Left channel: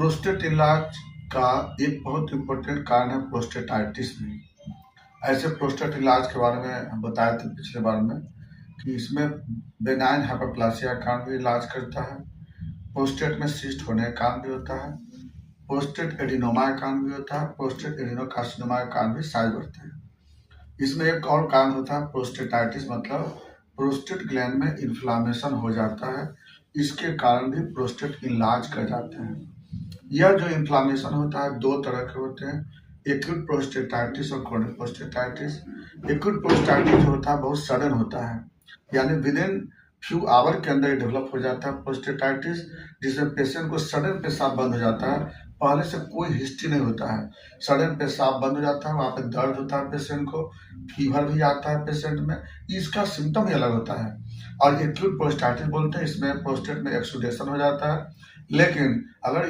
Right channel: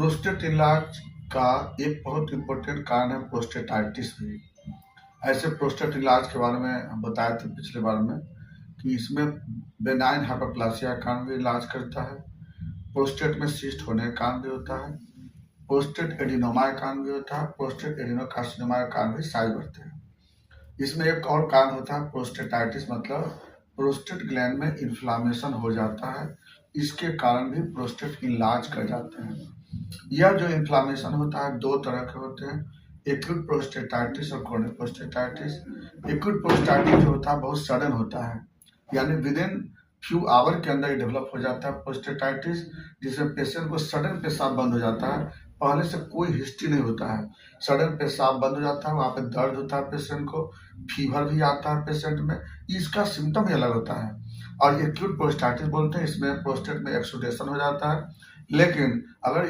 Prostate इलाज का एक बहुत इम्पोर्टेंट कारण है प्रोस्टेटाइटिस भी। ऐसे प्रोस्टेट इलाज के बारे में हम बताए थे पिछले बार में कि इसमें बेनाइन हाइपरप्लासिया का कारण भी इलाज करता है, प्रोस्टेट में सिस्ट होने का कारण भी होता है, प्रोस्टेट एडिनोमा का कारण भी होता है, प्रोस्टेट एडिनोकार्सिनोमा का कारण भी साइज बढ़ते हैं। इसमें एक और कारण होता है प्रोस्टेटाइटिस, मतलब प्रोस्टेट ग्लैंड में इन्फ्लामेशन हो जाता है, इसके कारण भी प्रोस्टेट इलाज कर जाते हैं। यह जो इन्फ्लामेशन होता है दो तरह के होते हैं, एक्यूट प्रोस्टेटाइटिस और क्रोनिक प्रोस्टेटाइटिस। एक्यूट प्रोस्टेटाइटिस जो होता है बहुत सडन होता है, यानी विद इन फ्यू आवर के अंदर डेवलप हो जाता है प्रोस्टेटाइटिस, जिसमें पेशेंट को सडन पेशाब बंद हो जाता है, पहले से कोई हिस्ट्री नहीं होता है, सडन पेशाब बंद हो जाता है, वहाँ पे दर्द होता है पेशेंट को, फीवर भी आता है पेशेंट में, इसका सिम्टम ही अलग होता है। और एक्यूट प्रोस्टेटाइटिस बोलते हैं, इसमें प्रोस्टेट में एक्सुडेशन हो जाता है, लेकिन अगर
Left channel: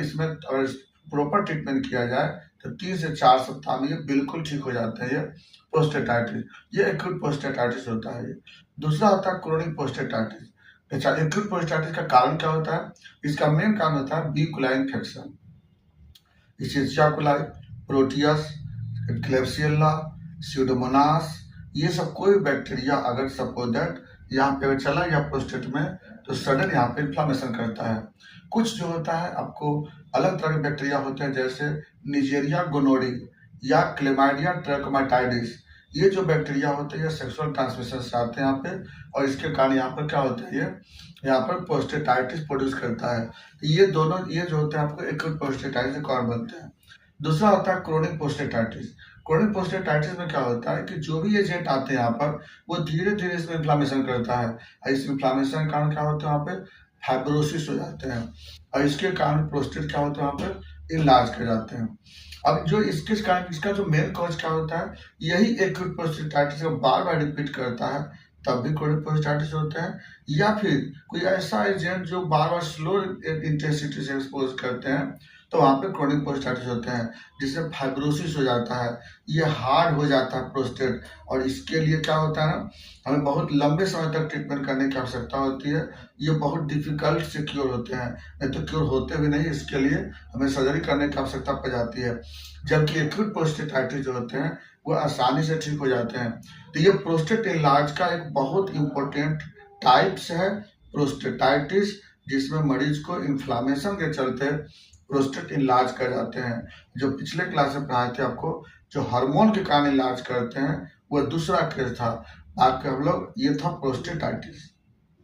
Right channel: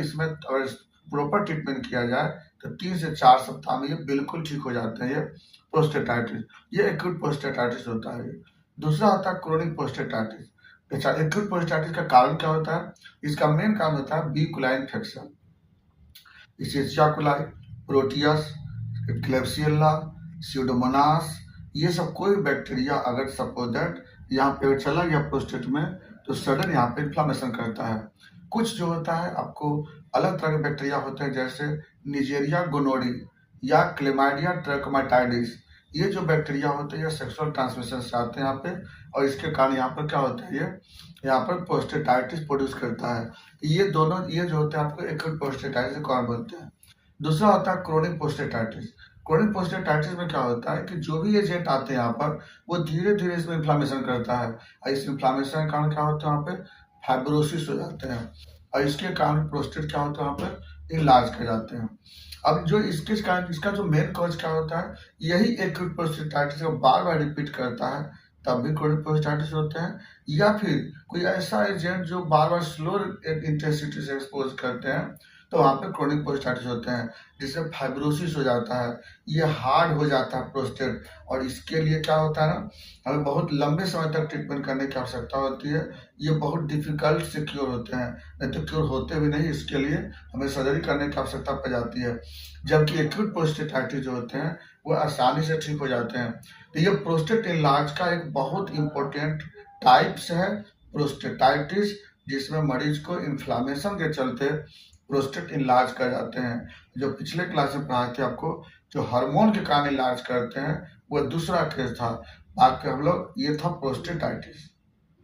प्रॉपर ट्रीटमेंट किया जाए तो 3 से 4 सप्ताह में ये बिल्कुल ठीक हो जाते हैं। ये प्रोस्टेटाइटिस, ये एक्यूट प्रोस्टेटाइटिस होता है। दूसरा होता है क्रोनिक प्रोस्टेटाइटिस। अच्छा, एक्यूट प्रोस्टेटाइटिस का कारण क्या होता है? इसका मेन कारण होता है बी कोलाई इन्फेक्शन, इशेचिया कोलाई, प्रोटियस, क्लेब्सियल्ला, स्यूडोमोनास, ये सब कोई बैक्टीरिया अगर सपोज दैट यहाँ पे चला गया प्रोस्टेट में तो सडन यहाँ पे इन्फ्लामेशन करता है। कुछ जो होता है आपको अलग तरह के बैक्टीरिया होते हैं, जैसे निजेरिया गोनोडी या क्लेमाइडिया ट्रैकोमाटाइडिस। ये जो बैक्टीरिया होते हैं ये सेक्सुअल ट्रांसमिशन से आते हैं यहाँ पे, और इसके कारण यहाँ पर क्या होता है, ये यहाँ पर प्रोस्टेटाइटिस प्रोड्यूस करता है। तो ये दोनों ये जो होते हैं आपको एक्यूट प्रोस्टेटाइटिस के कारण बनते हैं। दूसरा होता है क्रोनिक प्रोस्टेटाइटिस। क्रोनिक प्रोस्टेटाइटिस में क्या होता है कि जो भी एजेंट आते हैं यहाँ पर वो धीरे धीरे इसमें इन्फ्लामेशन करता है, और इस इन्फ्लामेशन के कारण क्या होता है, वहाँ पे फाइब्रोसिस हो जाते हैं, और इसके कारण प्रोस्टेट क्या होता है, वहाँ पर इलाज कर जाते हैं। अब जो इसके कारण इसका जो मेन कॉज क्या होता है, यही एक्यूट प्रोस्टेटाइटिस को बार बार रिपीट करता है, तब भी क्रोनिक प्रोस्टेटाइटिस होते हैं। या फिर कोई ऐसा एजेंट जो बार बार स्लो इंटेंसिटी से एक्सपोज करते हैं, तो वहाँ पे क्रोनिक प्रोस्टेटाइटिस होते हैं, जिससे फाइब्रोसिस हो जाता है, ये हार्ड हो जाता है प्रोस्टेट, और इसके लिए क्या होता है ना, हमें बहुत लंबे समय तक ट्रीटमेंट करने की आवश्यकता होती है। ये बहुत डिफिकल्ट से क्योर होते हैं, नहीं तो क्योर होते भी नहीं, इसके लिए हमें सर्जरी करने की आवश्यकता पड़ जाती है। जबकि एक्यूट प्रोस्टेटाइटिस जो होते हैं वो आसानी से ठीक हो जाते हैं। तो ये प्रोस्टेट इलाज का एक बहुत इम्पोर्टेंट टाइप्स है प्रोस्टेटाइटिस, जिसमें मरीज को इन्फ्लामेशन के चलते प्रोस्टेट इलाज कर जाते हैं। जो पिछले क्लास में पढ़ाए थे आपको, जो हार्मोन के कारण इलाज करते हैं, वो दूसरा केस था। बाकी हम लोग ये था प्रोस्टेटाइटिस।